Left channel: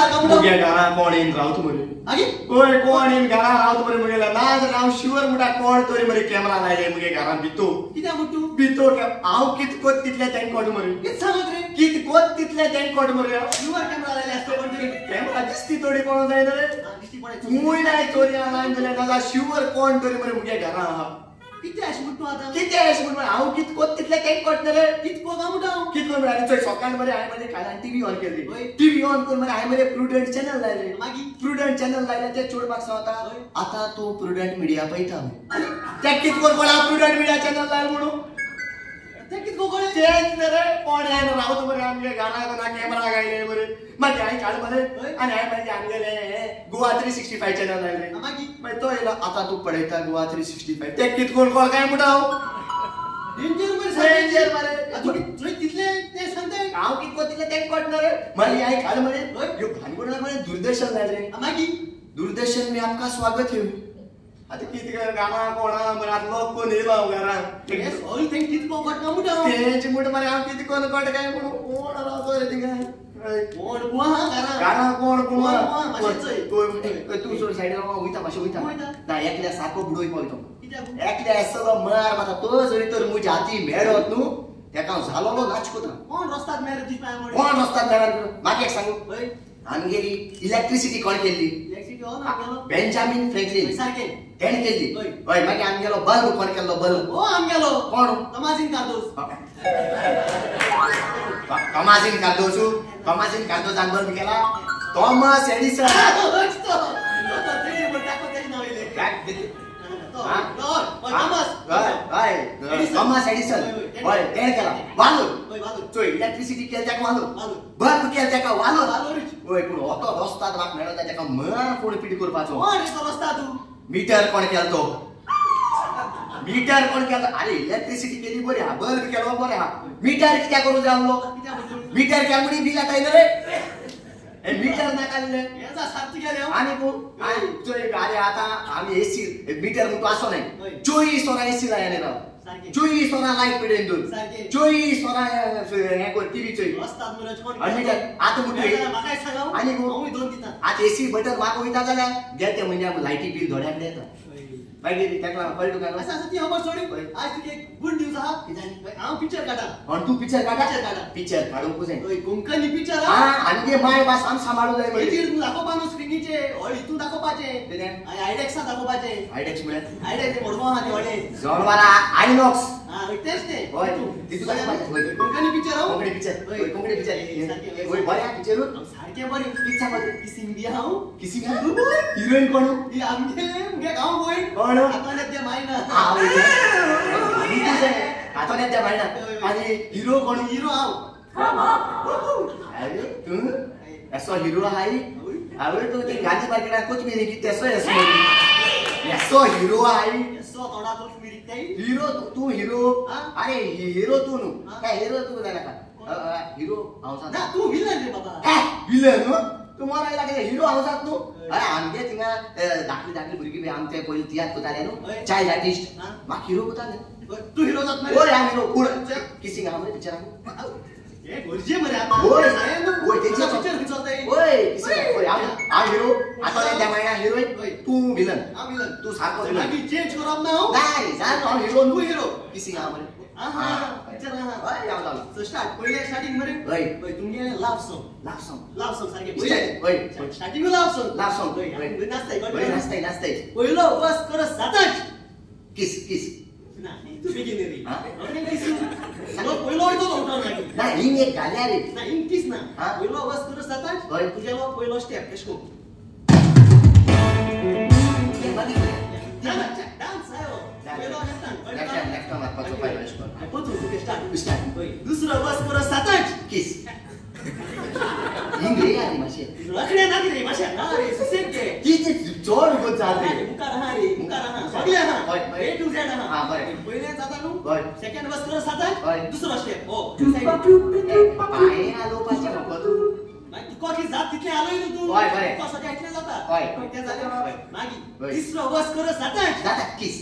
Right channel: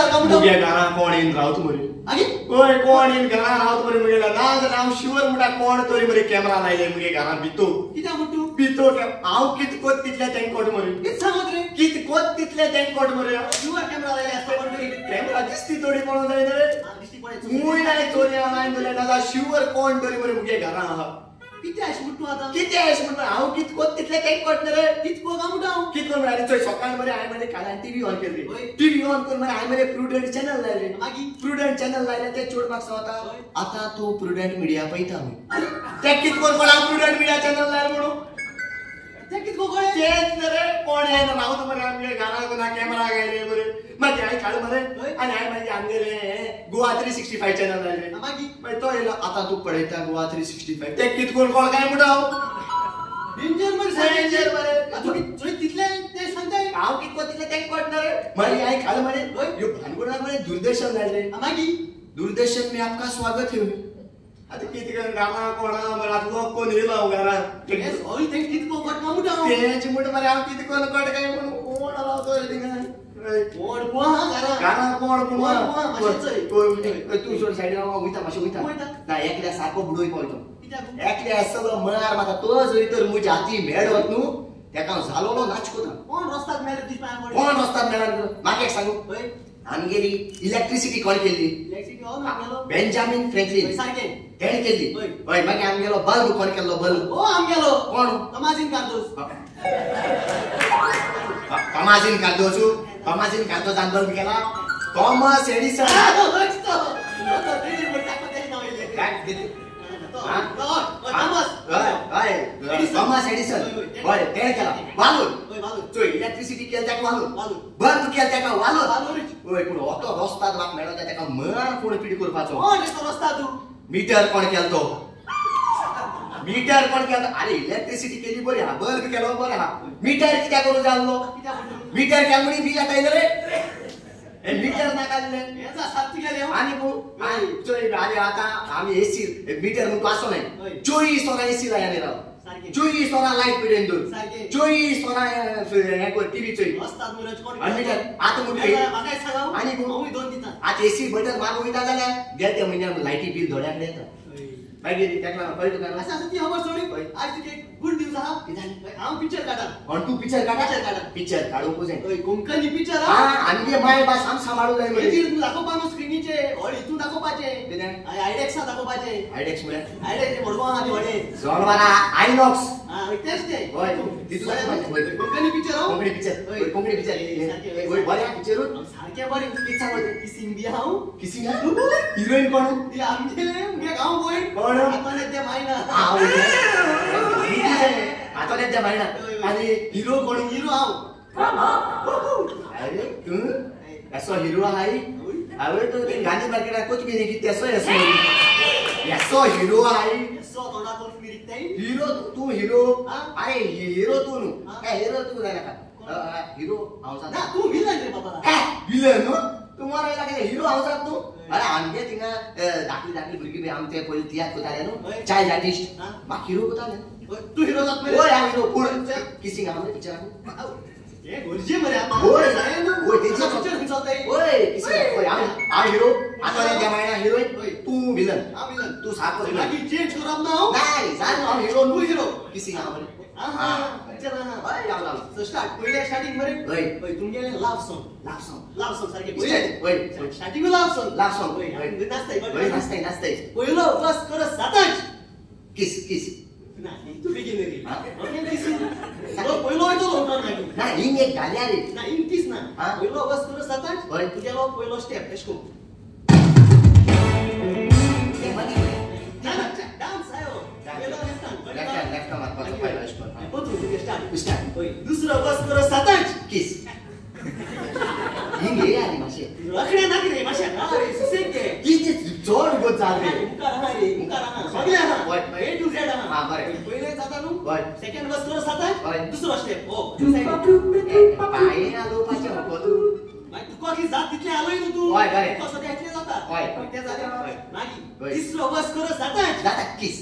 सारखा म्हणतो मुगे घरा कोण येईन रावत मरे आगे ओय कोण येईन घरा रावत मरे मुगे नाव शिवर मुटा कोण तोरी मरे कॅमेरा लायले मुगे घरा भितो कित्याक म्हणतो भितो हांव कित कोत तितल्या तें कोड मरे कित सांगत रे कित कोत तितल्या तें कोड मरे युवर कॅमेरा लायले असता पण तरी कॅमेरा दिसती थोडी कोण जाय रे दिसती पडे मुय नाही चोरी ऑनलाइन दिले दादा शिवर कोण तोरी मरे मुगे घरा हा किती अशी म्हणतो आता किती आहेस म्हणून हांव कित कोत तितल्या तें कोड रे कितको का म्हणतो कित कोण आनी चोय सकाळ मरे हांवें मरे काल टीव्ही ऑन केली होय. टीव्ही ऑन करून मरे हांवें मरे प्रुडंट चॅनल लायले मागी प्रुडंट चॅनल लायले ते चोडपाक सांगता होय. आता तू प्रुडंट मीडिया पळयता ते कित कोण कोणा प्रुडंट मीडिया चॅनल लायल म्हणून ते कितको कळे तेच रे कोण येन रावत मरे आमगे गाना कोणा कॅमेरा गायले मरे मागीर हांवें काल मरे होय. आनी हांवें मागीर आमगेले गोवा 365 चॅनल लायले मागी मागीर तो येयलो आता तू पळयता गोवा 365 ते कित कोण कोण काय म्हणटा डेंजर मरे डेंजर मरे तू तुझे तितले ते सांगताय हांव कित कोण तितले तें कोटना रे मागीर हांवें काल मरे होय. ह्यो भानगडा मरे दूरदर्शन लायले मागी दूरदर्शन में आपका स्वागत है आता किती गाना कोणा मरे आता लोक कोण येयलो हांव घरा तेच होय ते कितको कटका म्हणतो तेंच म्हण मरे हांव किती कोण कोट काय म्हणून कोण रावतो रे थिंगा कोण बुवा हा करा गाना कोण बुवा माशेचोय तू सोड सायडीन वयता मातशें वयता वयता. ना एकल्या सारको बुडोय पळतो कित्याक एकल्या सगळं मार माता तो जरी तर म्हज्या हाती मेळत न्हू तेका झालोलो नाच कोता कोण रस्त्यात मेरे दिसता कोण रस्त्यात मेळत म्हाका एक सांगू होय आमगेली इलेक्ट्रिसिटी कोण केल्ली इलेक्ट्रिसिटी हो ना गेलो बेंजामिन फ्रँकलिन सारखे तेणे केल्ली होय. हय मागीर आमगेलो बल्ब कोण केल्लो बल्ब ओ आम गेलो कोण तमाजीन कार्दोस टॉमासिन कार्दोसू टॉमासिन कार्दोस आनी बल्ब केला थॉमस एडिसन थॉमस एडिसन हय तेणे केला वालोर चोय इलेक्ट्रिसिटी केली तेका वालोर बल्ब केली तेका वालोर हय पूण होतो रस्ता म्हाका मेळटा तेका मार कोण पिडी करपाचो मीटर कोण केलो तो मीटर कोण केलो अरे इलेक्ट्रिसिटी केली बरी हा बल्ब केलो बरो हा मीटर कित्याक करू जालो मीटर केलो म्हणी बिल आयले रे हे मीटर नाका दिले आनी चोय अरे आता आमी एसी मीटर म्हणून आसो नाही 24 वरां एसी लायले राव 24 वरां लायट पेडेन दोन 24 वरां हे कोण टीव्ही चोय आनी मीटर आता म्हणून आनी आता एसी बटन मागो वयता जाल्यार घेते म्हणजे लायटी बिल थोड्याक येता मागीर तेका पळय तुका असं ती खबर सोडी आज तुका एक गुड न्यूज आहा कित्याक हांव पिक्चर काडा पण तू पिक्चर पिक्चर काडूंक जाय ओय कोंकणी पिक्चर हा आमगे माय भास आम सांबाळू जाय हेचेर दाखोवपा न्हू स्क्रिनीचे हॉल हितून दाखोवपाचे आयडेक्सा दाखोवपाचे आयडेक्स म्हळ्यार आयडेक्स मोडगो आहा ते व्हडे जोरवाला आयनॉक्स हा तेच ते होय तितून कोंकणी पिक्चर हांव कोंकणी पिक्चर होय बरें पिक्चर सारखे बरें कित सांगता किसिंग बी हांव किसिंग हिरोईन कोण ती आमगे गांव गोय कोण आतां ते मायना आता त्या मायना आणि हिरो कोण हिरो हांव अरे तू असो हिरो हाय अरे तू ते गांधी मार्केटात कोथमीर की तेसो असो हिरो हाय सो थोडा कोण फिरताय हिरो तू हिरो अरे हिरो तू नु काय हिरो तू जाय नका हिरो हांव ना तू विलन रे बाबा विलन नु तुम्हाला लागे हिरो हांव जात नु अरे आमगे थिंगा धाकली भुरगी बी आमचे पयली तियात्र कोताले नु चाइल्ड आर्टिस्ट म्हाका हिरो कोताले तू हिरो जात मरे ओय हिरो पूर्ण किसिंग आमले पिक्चर हे गरजे मरे आता ओय जाय नु ओय तेचा पिक्चर खिचवताय ओय किसिंग ओय आ हिरो आता त्या मायना हिरोईन तू विलन हा विलन तू साको बाकी चेंज करप ना नाही सांग हांव हिरो हिरो तू हिरो किसिंग आमले हा पिक्चर हा ओय याव जाऊ सो स्टार्ट पहिले स्टार्टिंग मरे ओय ओय तुमगेले लव सॉन्ग सारखे ओय स्टार्टिंग लव सॉन्ग ओय नाचताय नाचताय पहिलो बस कर साताच किस नाही तू बिगिनरी ओके किस लो पहिलो होतो उठणार नाही ना हिंग एक गाल्या रे ना इंकिस ना हा? पहिलो बस कर साताच होय. तुझ्यालो पहिलो स्टेप एशको डान्स आयो पहिलो लेफ्ट मार पाचो पतू तुगे स्टार्ट स्टार्ट होय दुसरो बस कर साताच किस हिंग हे आली माशे रखडे ना रे माशा ना रे सुसेके किती जोर गो चाल रे मुकार हा सगळे हा होय. ए टू झेड हा हा, बरें. पहिले जाता नु होय. सेकंड बस कर साताच होय. दुसरो स्टेप हो पाय आलो पाच्या पदू तू कॉकी जात तितले आलोय नु तू होय, होय. कसं ते इतले जाता होय. ते झाले होय. मागी होय. तिसरो बस कर साताच दादा किस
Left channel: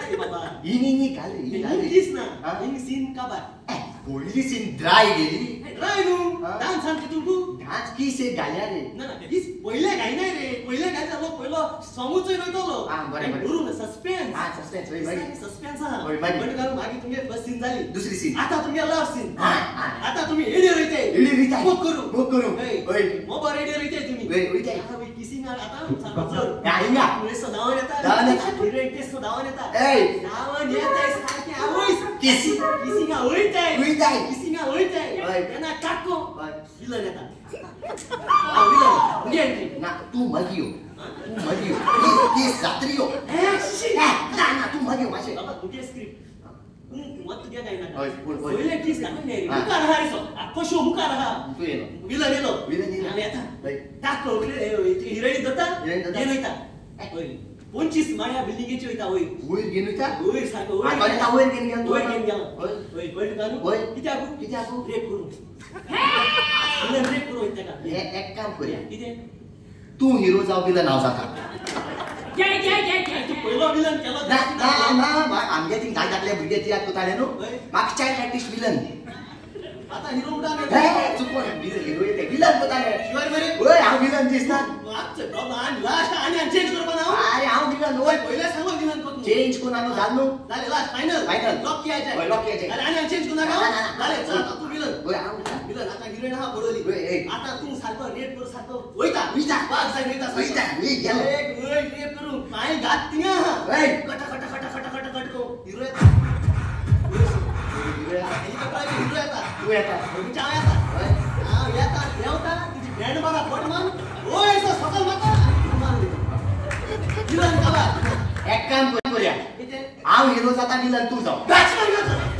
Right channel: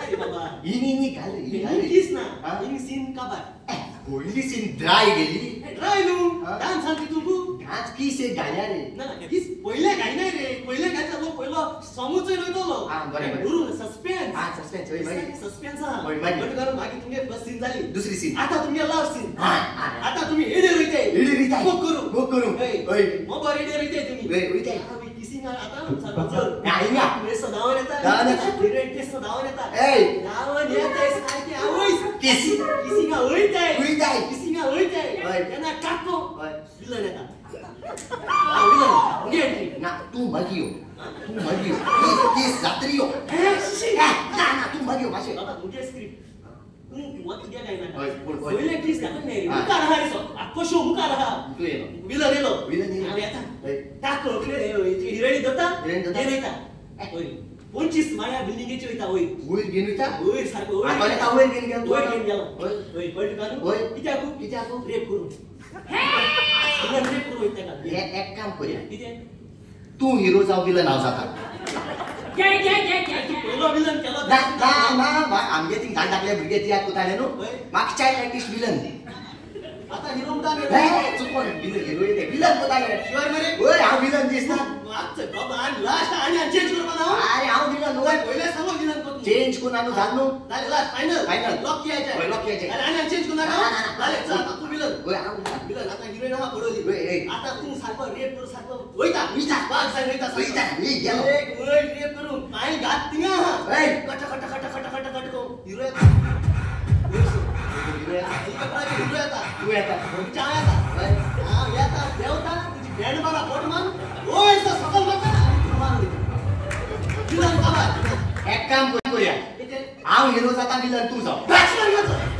अरे बाबा हिनी घाल इंग्लिश ना हा? इंग सीन काबार पहिली सीन ड्राय गेली ट्राय न्हू डान्स सांग तुमकू डान्स किस एक घाल्या रे ना किस पहिले गाय नाही रे पहिले गाय चाललो पहिलो समूच रोयतलो बरें गुरु सस्पेन्स सस्पेन्स होय मागीर सस्पेन्स होय, मागीर. पण करून मागीर तुमगे फर्स्ट सीन झाली दुसरी सीन आता तुमगे लव सीन हा आता तुम्ही एडे रोयते एडे रोयताय. मोग करू मोग करू. होय. मोबाईल एडे रोयते तुम्ही होय, रोयताय. आता किसिंग आता सारखं हा, हिंगा. वेळेस धावून येतात धावून येतात. हिरोईन टेस्ट धावून येतात ए धावून येताय सारखे आवईस केसी किसिंग होईताय होईताय. किसिंग होईताय होय. त्यांना काटको होय. विलन येतात हा विलन म्हणजे एंट्री ना तू मगियो केस जात्रियो ना तू मगियो माशे बाबा तुझे स्क्रिप्ट मत तुझ्या काय ना होय, बोल, बोल. पहिले किस का नाही रे हा. मुका रहा रे सो आखो शो मुका रहा तू yellow villain yellow villain yellow. आणि आता होय. टाक ओळखले हिरोईन दत्ता हिरोईन दत्ता. हे नयता होय 25 माया बिल्डिंगेची होईता होय वयर गेनु ता होय सारखं होय आता ता वयर गेन गेन होय गेम गेला होय होय पॉइंट काढू होय. किती आकू रेप करू विलन रेप करू होईता का एक काम करूया किती तू हिरो जाव विलन हांव जाता तू पहिला विलन केला ना ना ना आमगे ती धाकल्या भुरगे ती आत कोताले न्हू होय. म्हाका चाइल्ड आर्टिस्ट विलन आता हिरो उडा चुकोन विलन हिरो येते विलन कोताले शिवाय मरे ओय हांव विलन दिसना आजचं बाबा आणि लास्ट आणि चेंज करू ना अरे हांव विलन ओय पहिला सांगू विलन करू चेंज कोण आणू जात न्हू झाले लास्ट फायनल Final. लॉक कियायचा होय, lock कियायचा. अरे आणि चेंज करू नका ना, ना, ना. झाले चल आता तू विलन ओय हांव विलन आता हिरोईन हा पडवली होय, होय. आता तू सारखं रेप करू सारखं होईता होईता. वाघ साहेब होईता होईता, मी गेलो. एक ओय रेप करू पाय घात तिंगा ओय. Cut cut cut cut cut cut को हिरो हिरो येता. हेलिकॉप्टर हिरो येता तू येता तुमच्या येता ओय. हा येता देवता तुझी बँड मारा फोट मान ओय असं सकल माता आणि तू मारून देता विलन का एक काम करूया इथे हांव हिरो जाता विलन तू जाव बॅचलर